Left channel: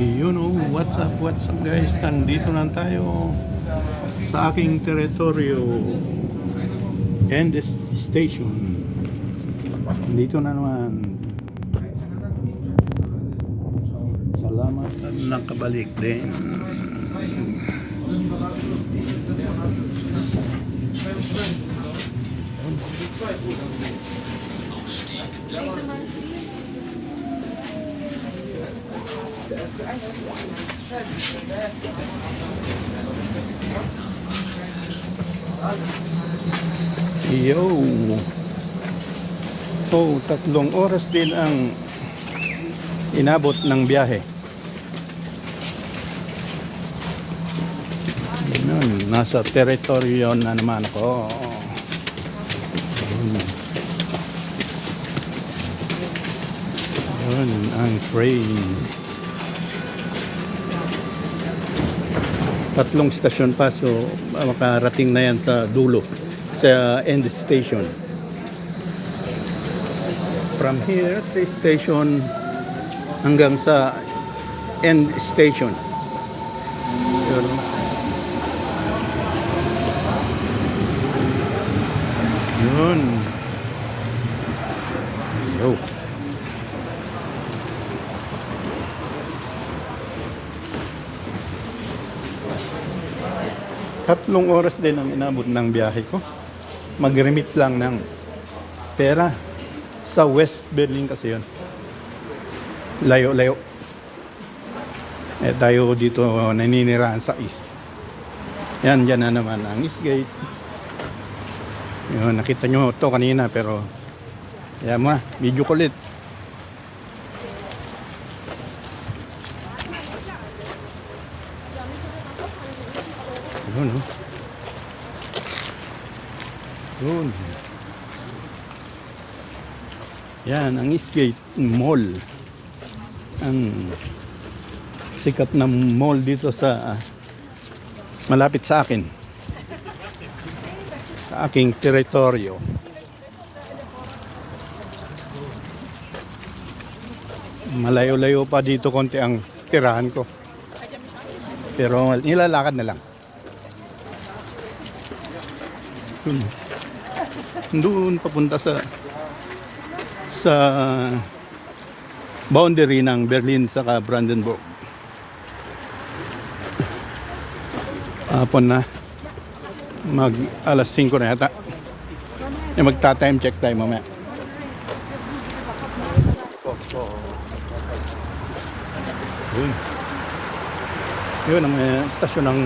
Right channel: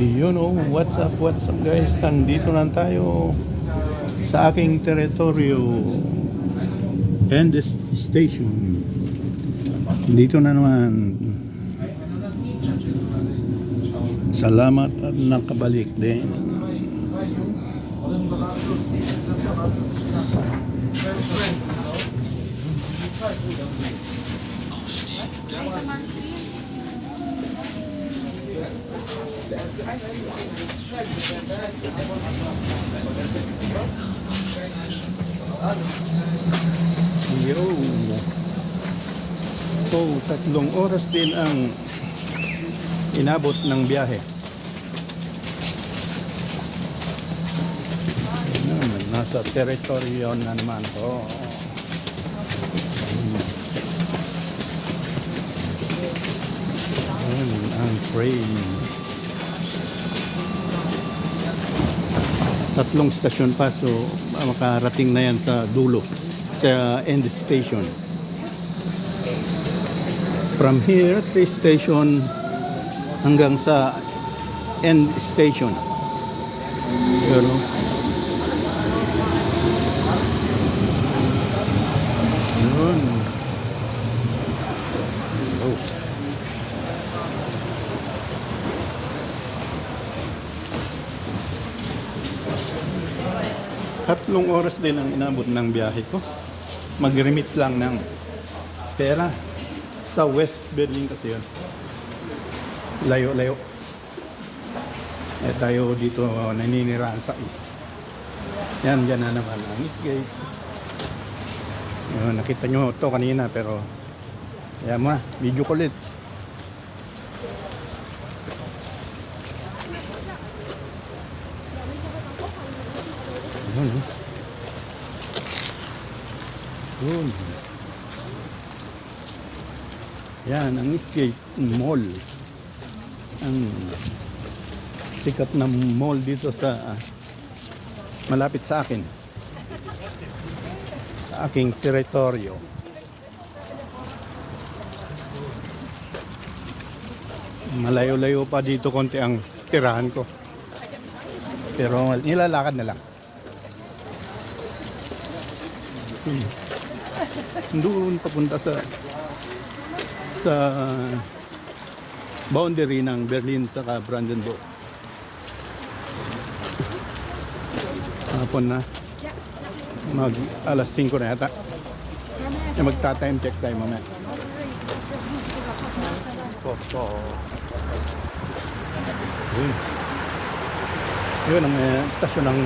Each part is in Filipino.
Yun oh, what's up guys? Nandito lang tayo sa aking teritoryo and this station. Dito na naman. Salamat at nakabalik din. Yo. So, 3 oras din ang inabot ng biyahe. Yun, nasa teritoryo na naman ako. Yun, ang train. 3 stasyon pa, so makarating na yan sa dulo, sa end station. From here, 3 station hanggang sa end station. Yun. Oh. Tatlong oras din ang inabot ng biyahe ko. Mag-remit lang ng pera sa West Berlin kasi yun. Layo-layo. Eh tayo dito naninirahan sa East. Yan, dyan na naman ang East Gate. Yun, nakita nyo to kanina pero yan mo, video ko ulit. Yun. Yun. Yan, ang Eastgate Mall. Ang sikat na mall dito sa malapit sa akin. Sa aking teritoryo. Malayo-layo pa dito konti ang tirahan ko. Pero nilalakad na lang. Doon papunta sa boundary ng Berlin saka Brandenburg. Hapon na, mag alas 5 na yata. Magta-time check tayo mamaya. Yun ang stasyon ng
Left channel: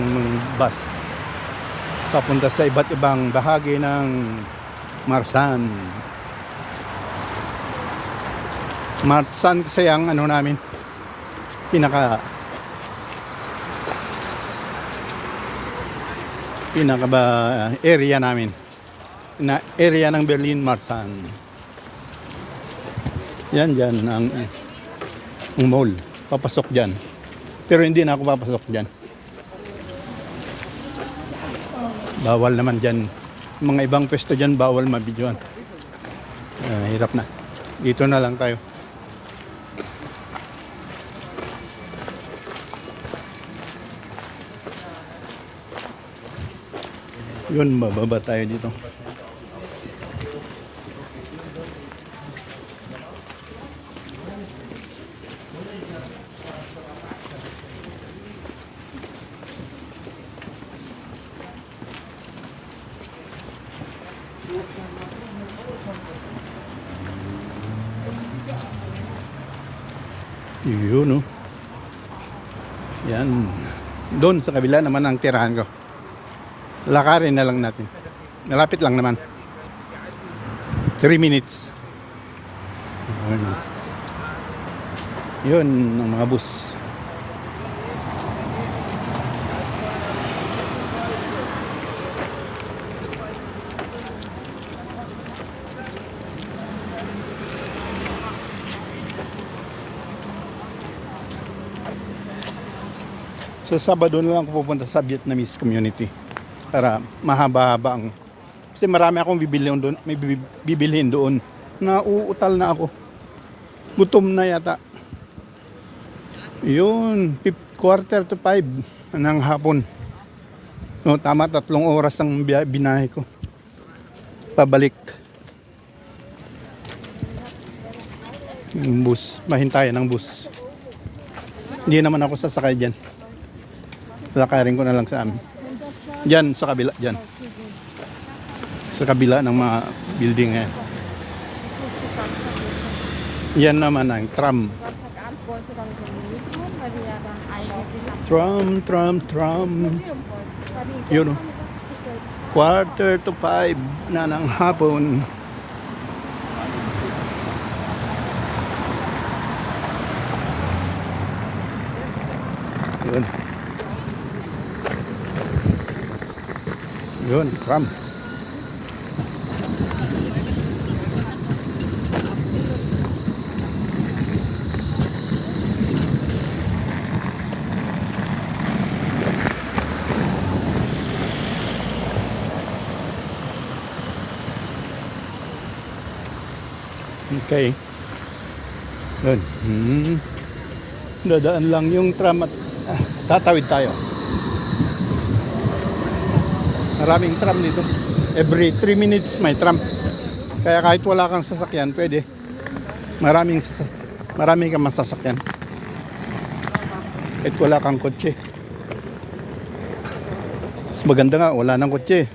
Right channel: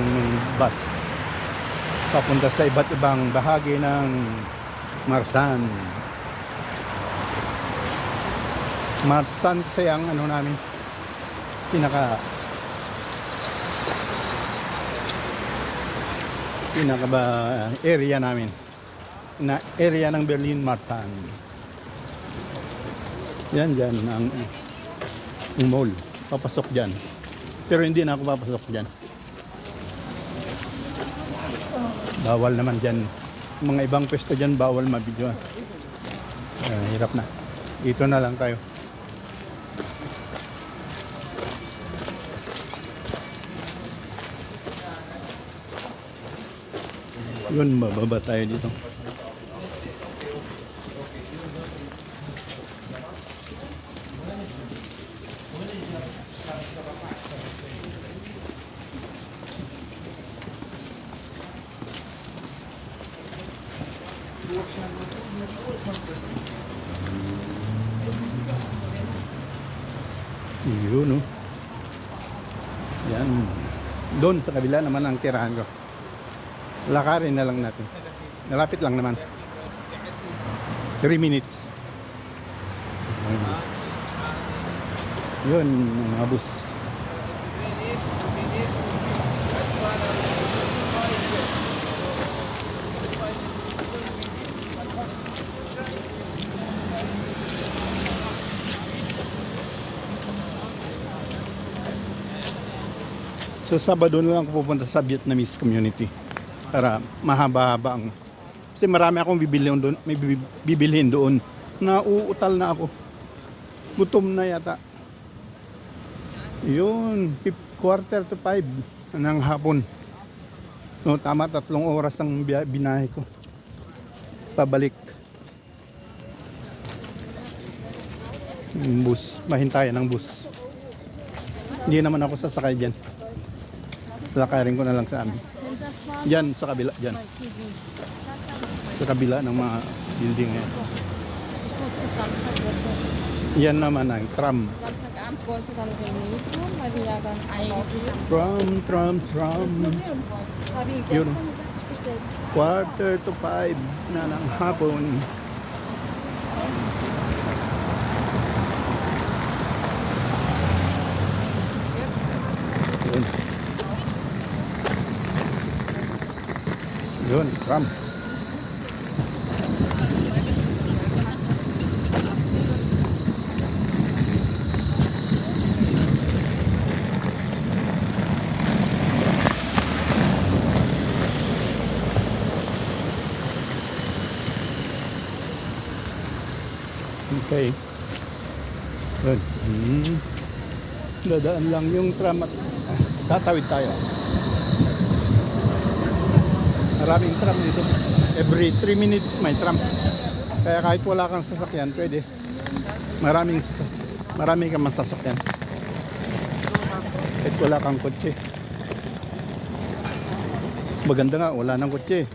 bus papunta sa iba't ibang bahagi ng Marsan. Marsan kasi ang ano namin, pinaka ba area namin, na area ng Berlin, Marsan. Yan dyan ang mall, papasok dyan, pero hindi na ako papasok dyan. Bawal naman dyan. Mga ibang pwesto dyan, bawal mabidyoan. Hirap na. Dito na lang tayo. Yun, bababa tayo dito. Yun, no? Yan. Doon sa kabila naman ang tirahan ko. Lakarin na lang natin. Malapit lang naman. 3 minutes. Yun ang mga bus. So Sabado na lang ako pupunta sa Vietnamese community para mahaba-haba ang, kasi marami akong bibilhin doon, may bibilhin doon. Nauutal na ako. Gutom na yata. Yun, 4:45 ng hapon. No, tama 3 oras ang binahe ko. Pabalik. Yung bus, mahintayan ng bus. Hindi naman ako sasakay dyan. Lakarin ko na lang sa amin. Dyan, sa kabila, dyan. Sa kabila ng mga building eh. Yan naman ang tram. Tram. Yun. 4:45 na ng hapon. Yun. Yun, tram. Okay. Yun. Dadaan lang yung tram at tatawid tayo. Maraming tram dito. Every 3 minutes may tram. Kaya kahit wala kang sasakyan, pwede. Marami kang masasakyan. Kahit wala kang kotse. Mas maganda nga, wala nang kotse.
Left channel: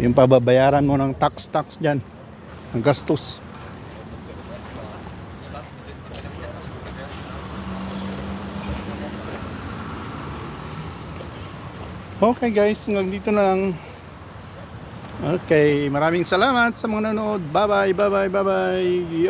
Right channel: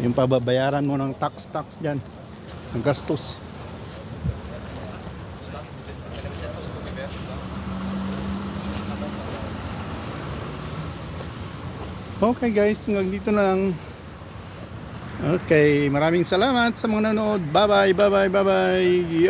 Yung pababayaran mo ng tax dyan. Ang gastos. Okay guys, hanggang dito na lang. Okay, maraming salamat sa mga nanonood. Bye bye.